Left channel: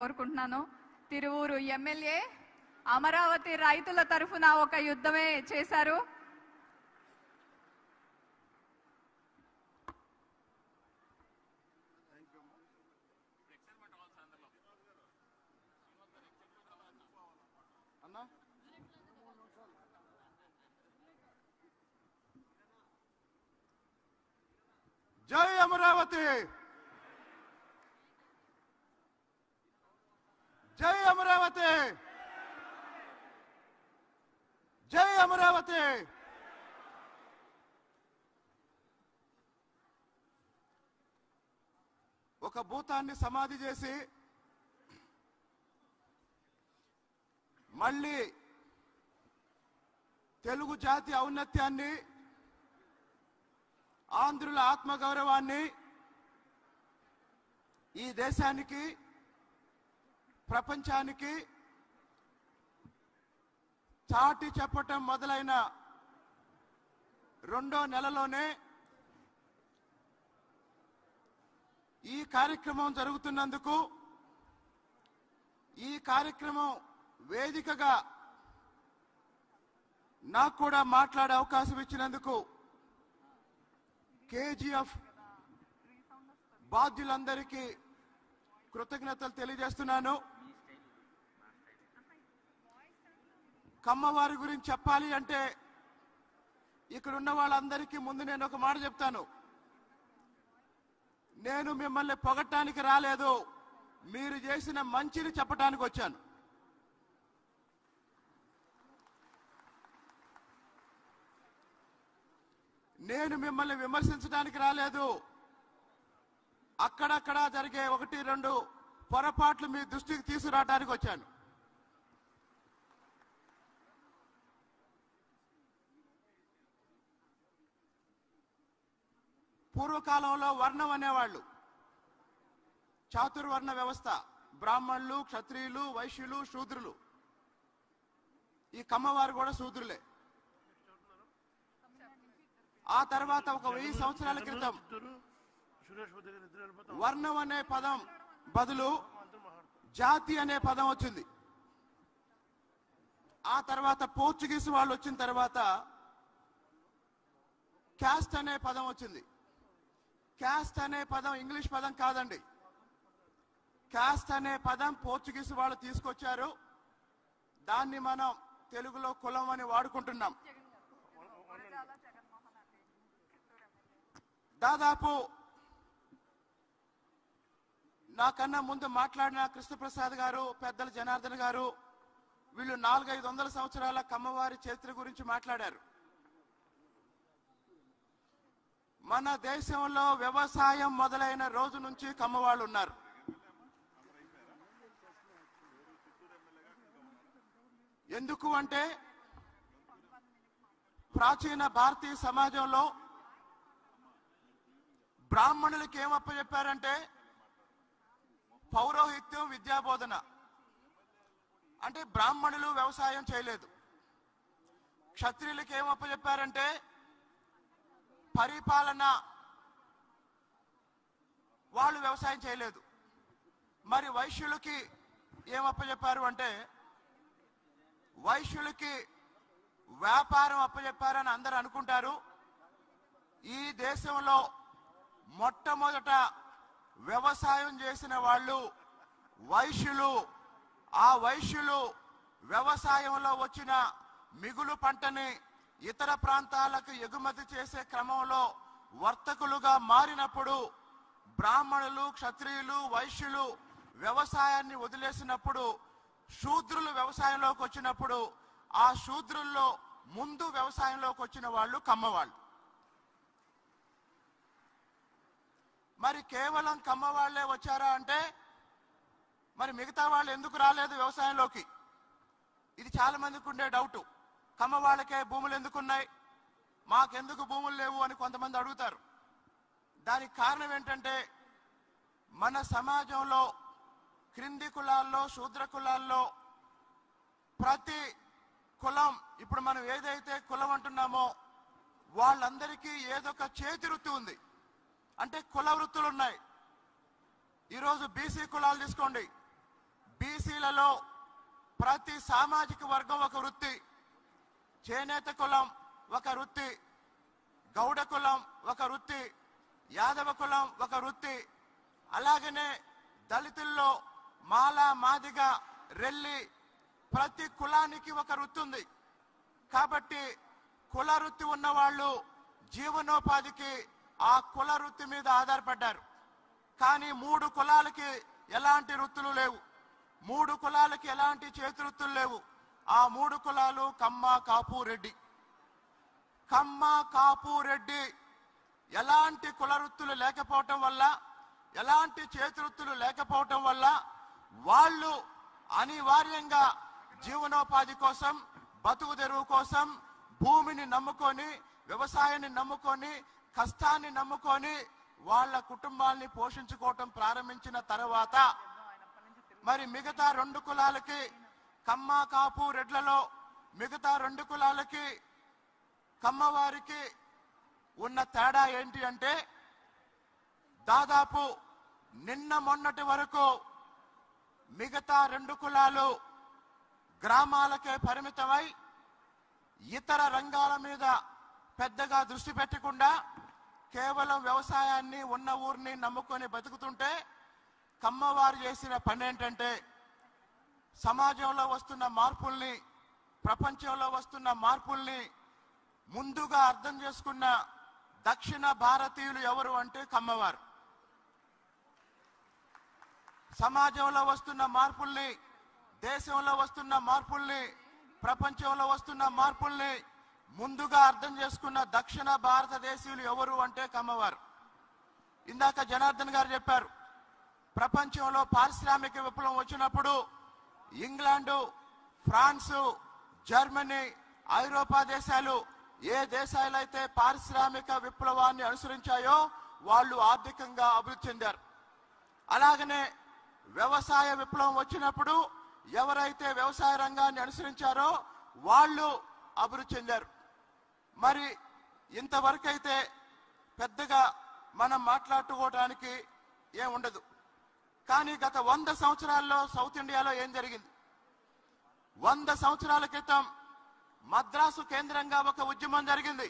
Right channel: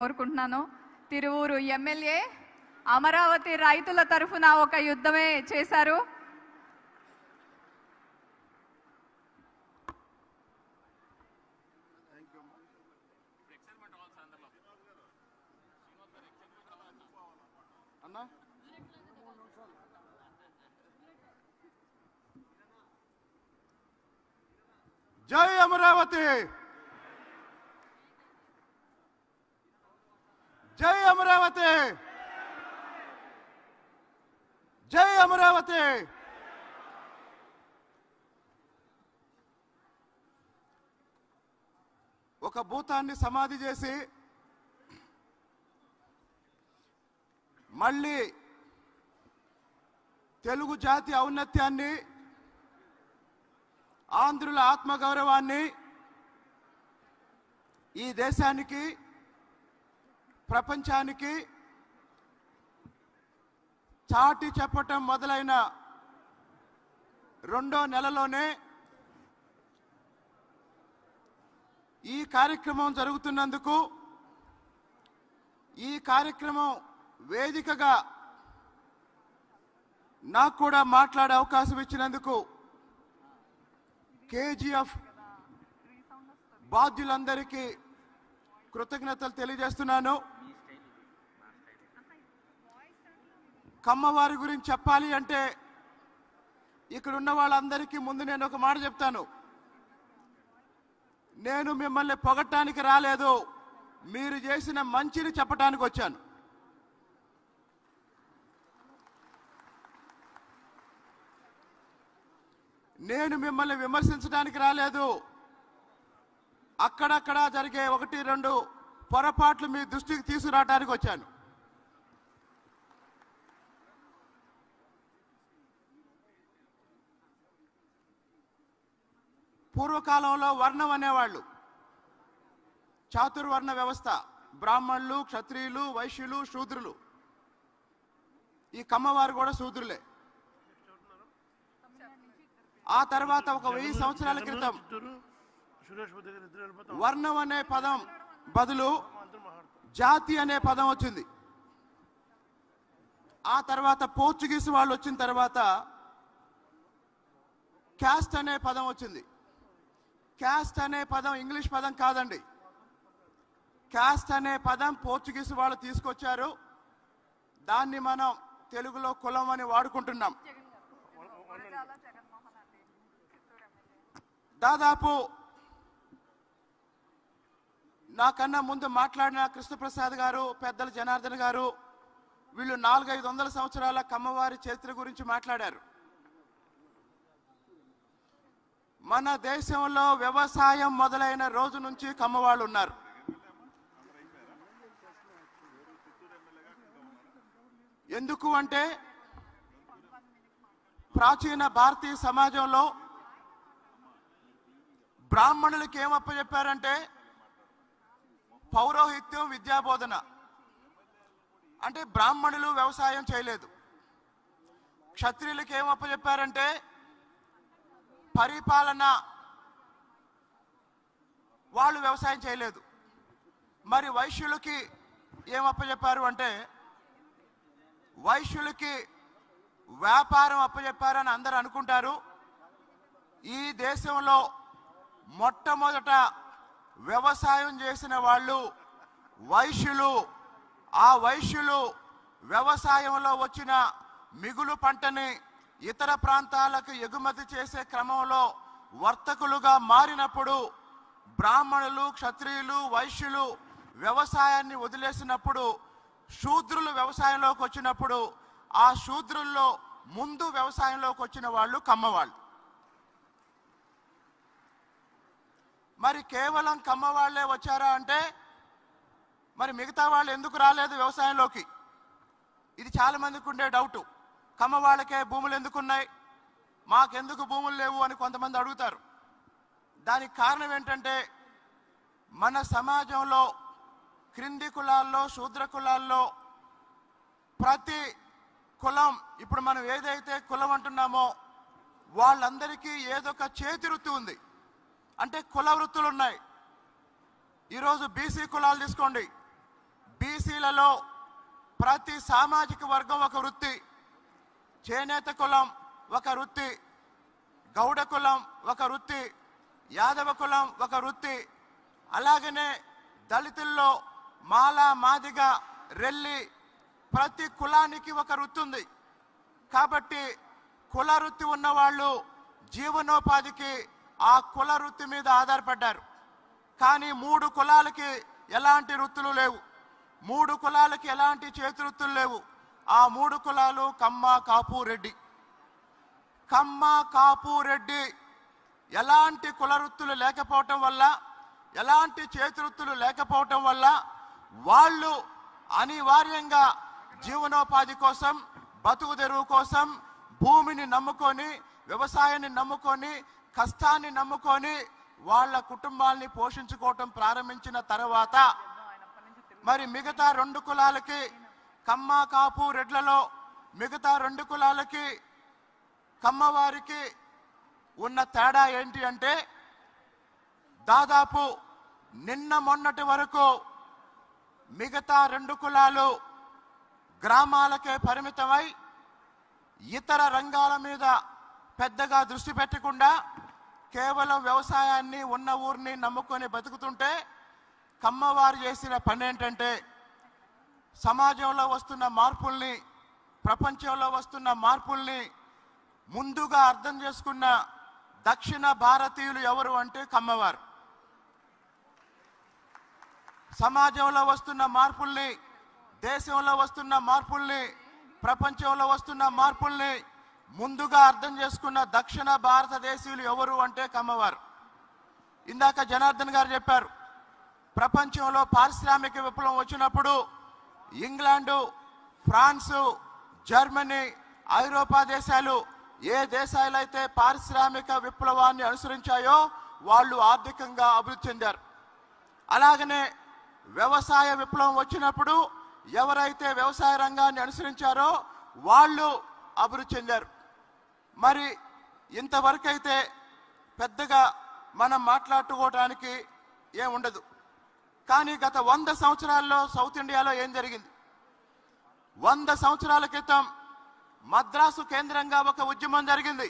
కోరుకుంటున్నాను. తిరువూరు ఎమ్మెల్యే అమరావతి రైతుల తరఫున ఒక యుద్ధమే చేశారు. జై అమరావతి, జై అమరావతి, జై అమరావతి. ఒక భూతాన్ని సమాధి చేసి మళ్ళీ తెలుగు జాతి ఔన్నత్యాన్ని, ఆంధ్రుల ఆత్మగౌరవాన్ని ఈ దేశానికి, ప్రపంచానికి చాటి చెప్పటం మొదలైన రెండో నెలలోనే ఈ కార్యక్రమం జరుగుతున్నందుకు, ఈ కార్యక్రమం వేదికగా నాకు కూడా మాట్లాడే అవకాశం ఇచ్చినందుకు కేజీఎఫ్ బాధ్యులందరికీ కృతజ్ఞతలు తెలియజేస్తున్నాను. కమ్మవారి గురించి చెప్పాలి అంటే ఇక్కడ ఉన్న వాళ్ళందరికీ ముందు నేను ఒక మాట చెప్తాను. నేను మిమ్మల్ని పొగట్టానికి రాలేదు, మీరు చేసిన మంచిని చెప్పడానికి వచ్చాను. నేను మిమ్మల్ని విమర్శించడానికి రాలేదు. అక్కడక్కడ జరిగే 1-2 పొరపాట్లు మీ దృష్టికి తీసుకురావడానికి వచ్చాను. పూర్వకాలంలో వర్ణం అనేవాళ్ళు, చాతుర్వర్ణ వ్యవస్థ, బ్రాహ్మణులు, క్షత్రియులు, వైశ్యులు, శూద్రులు. ఈ కమ్మవారు కూడా శూద్రులే. ఆ తర్వాత ఒక 1000 సంవత్సరాల క్రితం వర్ణం అనే పదం బదులు జాతి అనే పదం వచ్చింది. ఆ తర్వాత పోర్చుగీస్ వాళ్ళు వచ్చిన తర్వాత క్యాస్ట్ అనే పదం వచ్చింది. క్యాస్ట్ అనే పదం ఇంగ్లీష్ పదం కాదండి. క్యాస్ట్ అనే పదం పోర్చుగీస్ వాళ్ళు తీసుకొచ్చారు. దాన్ని మనం తెలుగులో కులం అని వాడుకుంటున్నాం. దాదాపు నాకన్నా ముందు మాట్లాడిన కృష్ణప్రసాద్ గారు, పెద్దల జనార్దన్ గారు, వీళ్ళు 400-500 సంవత్సరాల కమ్మవారి చరిత్ర గురించి మాట్లాడారు. మన దేశంలో వ్యవసాయం మొదలైన రోజు నుంచి కమ్మవాళ్ళు ఉన్నారు. ఎందుకు అంటే ప్రాచీన భారతీయ సమాజంలో బ్రాహ్మణులకి ఏమప్ప చెప్పారంటే పౌరోహిత్యం, విద్యాబోధన. అంటే బ్రాహ్మణులు వ్యవసాయం చేయలేదు. క్షత్రియులకి ఏమప్ప చెప్పారంటే పరిపాలన, వాళ్ళు వ్యవసాయం చేయలేదు. మరి వైశ్యులకి ఏమప్ప చెప్పారు అంటే వైశ్యులకి వ్యాపారం అప్పచెప్పారని అందరూ అనుకుంటారు. ఈ దేశంలో మొట్టమొదట వ్యవసాయం చేసిన వాళ్ళు వైశ్యులు. ఆ వైశ్యులు వ్యవసాయంలో వచ్చిన మిగులు పంటని ఇతర ప్రాంతాలకు ఎగుమతి చేసే క్రమంలో వర్తకులుగా మారినప్పుడు బ్రాహ్మణులు, క్షత్రియులు, వైశ్యులు వ్యవసాయాన్ని వదిలేసినప్పుడు శూద్రులు వ్యవసాయంలోకి వచ్చినప్పుడు ఆ శూద్రుల్లో ముందు వ్యవసాయంలోకి వచ్చిన వాళ్ళు కమ్మవాళ్ళు. మరి కేవలం కమ్మవాళ్లే వచ్చారా అంటే మరి మిగతా వాళ్ళు ఎందుకు రాలేదు వ్యవసాయంలోకి? ఇది చాలా మందికి ఉండే డౌట్. కమ్మవాళ్ళకే భూములు ఎందుకున్నాయి, మాకెందుకు భూములు లేవు అని కొంతమంది అడుగుతారు. దానికి కారణం ఏంటంటే మన సమాజంలో క్రింది కులాల్లో, శూద్ర కులాల్లో ప్రతి కులం, ఇప్పుడు మనం ఏదైతే కులం అంటున్నామో వాళ్ళందరికీ ఏదో ఒక చేతి వృత్తి ఉంది. అంటే కుల వృత్తులు ఉన్నాయి. ఈరోజు బీసీ కులాలు తీసుకోండి, ప్రతి సామాజిక వర్గం ఒక వృత్తి. చేనేత కులం ఒక వృత్తి, గౌడ కులం ఒక వృత్తి, యాదవ కులం ఒక వృత్తి, అలాగనే దళితుల్లో మాల, మాదిగ, రెల్లి ప్రతి కులానికి ఒక వృత్తి ఉంది. కాబట్టి కుల వృత్తి ఉన్న వాళ్ళు జీవనోపాధికి ఆ కుల వృత్తి మీద ఆధారపడ్డారు. కానీ 3 కులాలకి ఎలాంటి వృత్తులు లేవు, 3 కులాలకి ఎలాంటి చేతి వృత్తులు లేవు. ఆ 3 కులాలు కమ్మ, కాపు, రెడ్డి. కమ్మ, కాపు, రెడ్డి ఎలాంటి కుల వృత్తులు లేకపోవటం వల్ల, ఎలాంటి చేతి వృత్తులు లేకపోవటం వల్ల వాళ్ళు అనివార్యంగా జీవనోపాధి కోసం, బతుకు తెరువు కోసం భూమిని నమ్ముకొని, వ్యవసాయాన్ని నమ్ముకొని, కష్టాన్ని నమ్ముకొని వాళ్ళ కుటుంబాల్ని పోషించుకోవటం ప్రారంభించిన తర్వాత మరి మిగతా 2 కులాలకి, కమ్మ, కాపు, రెడ్లలో మిగతా 2 కులాలకి కమ్మవారికి ఉన్న తేడా ఏంటి అంటే, దాదాపు నిన్న మొన్నటి వరకు మిగతా 2 కులాలు గ్రామాలకే పరిమితమై ఇతర రంగాల మీద పెద్దగా దృష్టి పెట్టకుండా కేవలం వ్యవసాయాన్ని, ఉన్న ఊరిని నమ్ముకొని బతుకుతుంటే, కమ్మవారు చేసిన పని ఏంటంటే సమాజంలో వస్తున్న మార్పుల్ని, ప్రపంచంలో వస్తున్న మార్పుల్ని ముందుగా అర్థం చేసుకున్న దక్షిణ భారతీయులు ఎవరు అంటే కమ్మవారు. సమాజంలో వస్తున్న మార్పుల్ని, దేశంలో వస్తున్న మార్పుల్ని, ప్రపంచంలో వస్తున్న మార్పుల్ని ముందుగా అర్థం చేసుకున్న దక్షిణ భారతదేశీయులు ఎవరు అంటే కమ్మవారు. ఇందాక జనార్దన్ గారు చెప్పారు, ప్రపంచంలో పారిశ్రామిక విప్లవం వచ్చినప్పుడు ఇంగ్లాండు, ఫ్రాన్సు, జర్మనీ, ఐరోపా దేశాలు ఏ దేశాలైతే పారిశ్రామిక విప్లవాన్ని అనుసరించాయో వాళ్ళు ఆర్థికంగా అభివృద్ధి చెందారు. అలాగనే వ్యవసాయ విప్లవం వచ్చినప్పుడు ఎవరైతే వ్యవసాయ రంగాన్ని అనుసరించారో వాళ్ళు అభివృద్ధి చెందారు. మరి ఇంతవరకైతే పెద్దగా మనం మాట్లాడుకోవడానికి ఏముండదు. కానీ గత 100 సంవత్సరాల్లో సౌత్ ఇండియాలో ఏం జరిగింది? 100 సంవత్సరాల క్రితం మద్రాసు కేంద్రంగా ఒక ఉద్యమం జరిగింది.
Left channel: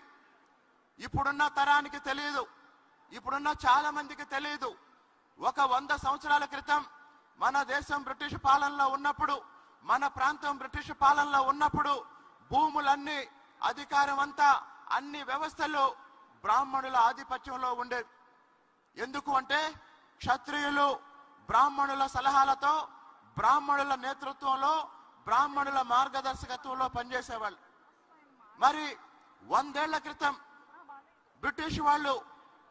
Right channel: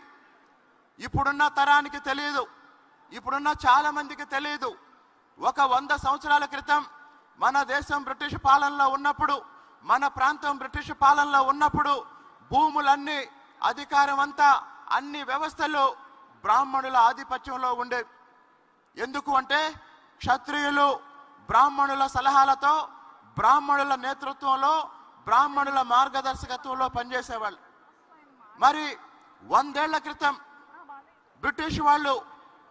ఇప్పుడున్న తరానికి తెలియదు, ఇప్పుడున్న చాలా మందికి తెలియదు. ఒక 100 సంవత్సరాల క్రితం మన దేశం బ్రిటిష్ పాలనలో ఉన్నప్పుడు, మన ప్రాంతం బ్రిటిష్ పాలనలో ఉన్నప్పుడు భూములన్నీ, అధికారం అంతా, అన్ని వ్యవస్థలు బ్రాహ్మణుల ఆధిపత్యంలో ఉండేవి. ఎందుకు అంటే క్షత్రియులు బ్రాహ్మణుల సలహాలతో, బ్రాహ్మణుల నేతృత్వంలో, బ్రాహ్మణుల మార్గదర్శకత్వంలో పనిచేసేవాళ్ళు. మరి 100 ఏళ్ల క్రితం బ్రిటిష్ వాళ్ళు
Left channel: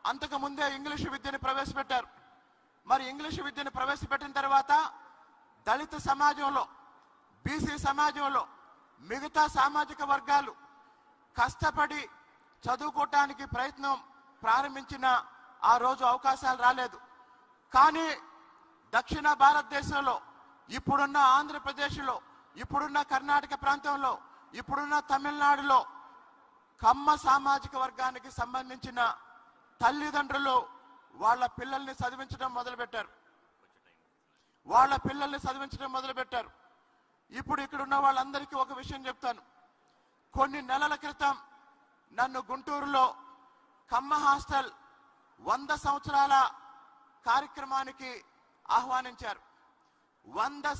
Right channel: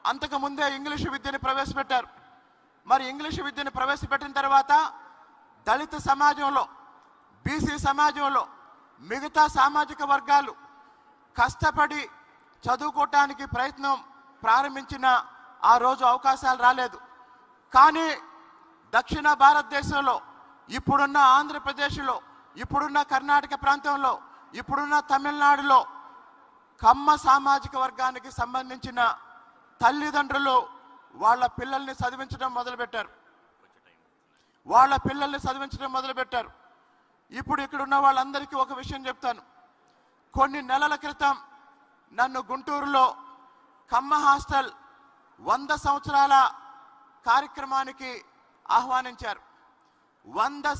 అంతకు ముందే ఇంగ్లీషు విద్యను ప్రవేశపెట్టారు. మరి ఇంగ్లీషు విద్యను ప్రవేశపెట్టిన తర్వాత దళిత సమాజంలో, బీసీ సమాజంలో మిగతా సామాజిక వర్గాలు కష్టపడి చదువుకోవటానికి ప్రయత్నం ప్రారంభించిన ఆ రోజు అవకాశాలు రాలేదు. కానీ దక్షిణ భారతదేశంలో, ఇప్పుడున్న ఆంధ్రప్రదేశ్లో, ఇప్పుడున్న కర్ణాటక ప్రాంతంలో, ఇప్పుడున్న తమిళనాడులో కమ్మ సామాజిక వర్గానికి సంబంధించిన తల్లిదండ్రులు వాళ్ళ పిల్లల్ని చదివించడం మొదలుపెట్టారు. ఇప్పుడు ఇక్కడున్న వాళ్ళందరికీ ఒక విషయం చెప్తాను. కొన్ని నెలల క్రితం నన్ను గుంటూరులో కమ్మ హాస్టల్ 100 సంవత్సరాల కార్యక్రమానికి ఆహ్వానించారు. 100